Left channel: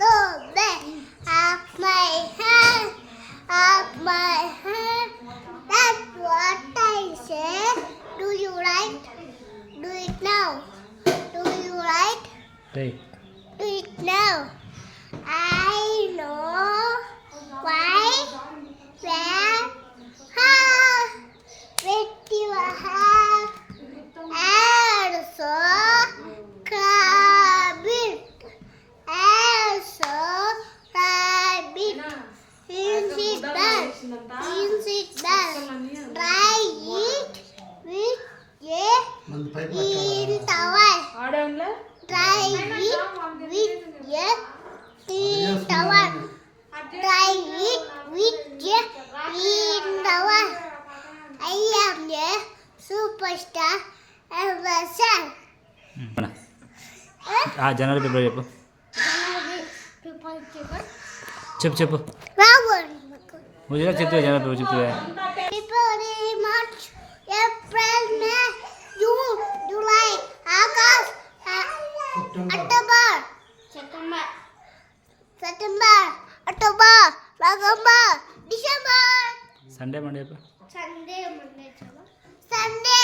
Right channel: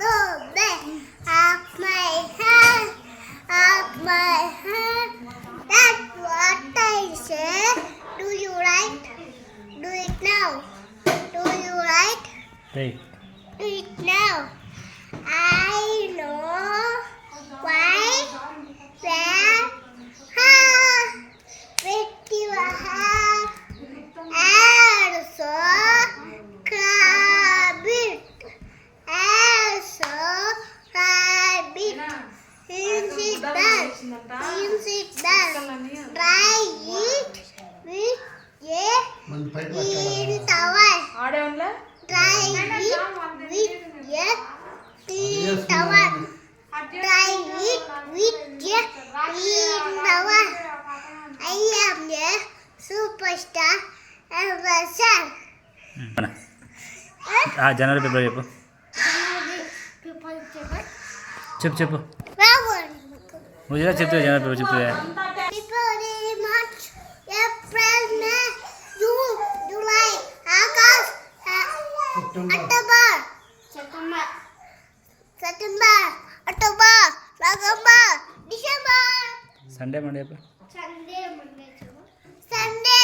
October. Of my hand, of my hand. That's what I say. Do you write? Do it now. Do you write? Right. Do it now. I know why, where, how, with your hand, and so rabbit, and so rabbit, since it does, try it with a clean towel. Try it with a clean towel. Try it with a clean towel. I am a superstar ambassador. జనవరి ఫిబ్రవరి చెప్పు చెప్పు ముజరా చెప్తే జనవరి ఫిబ్రవరి చెప్తే February, March, April, May, June, July, August, October, September, October, November, December. Sunday Monday చెప్పు Sunday,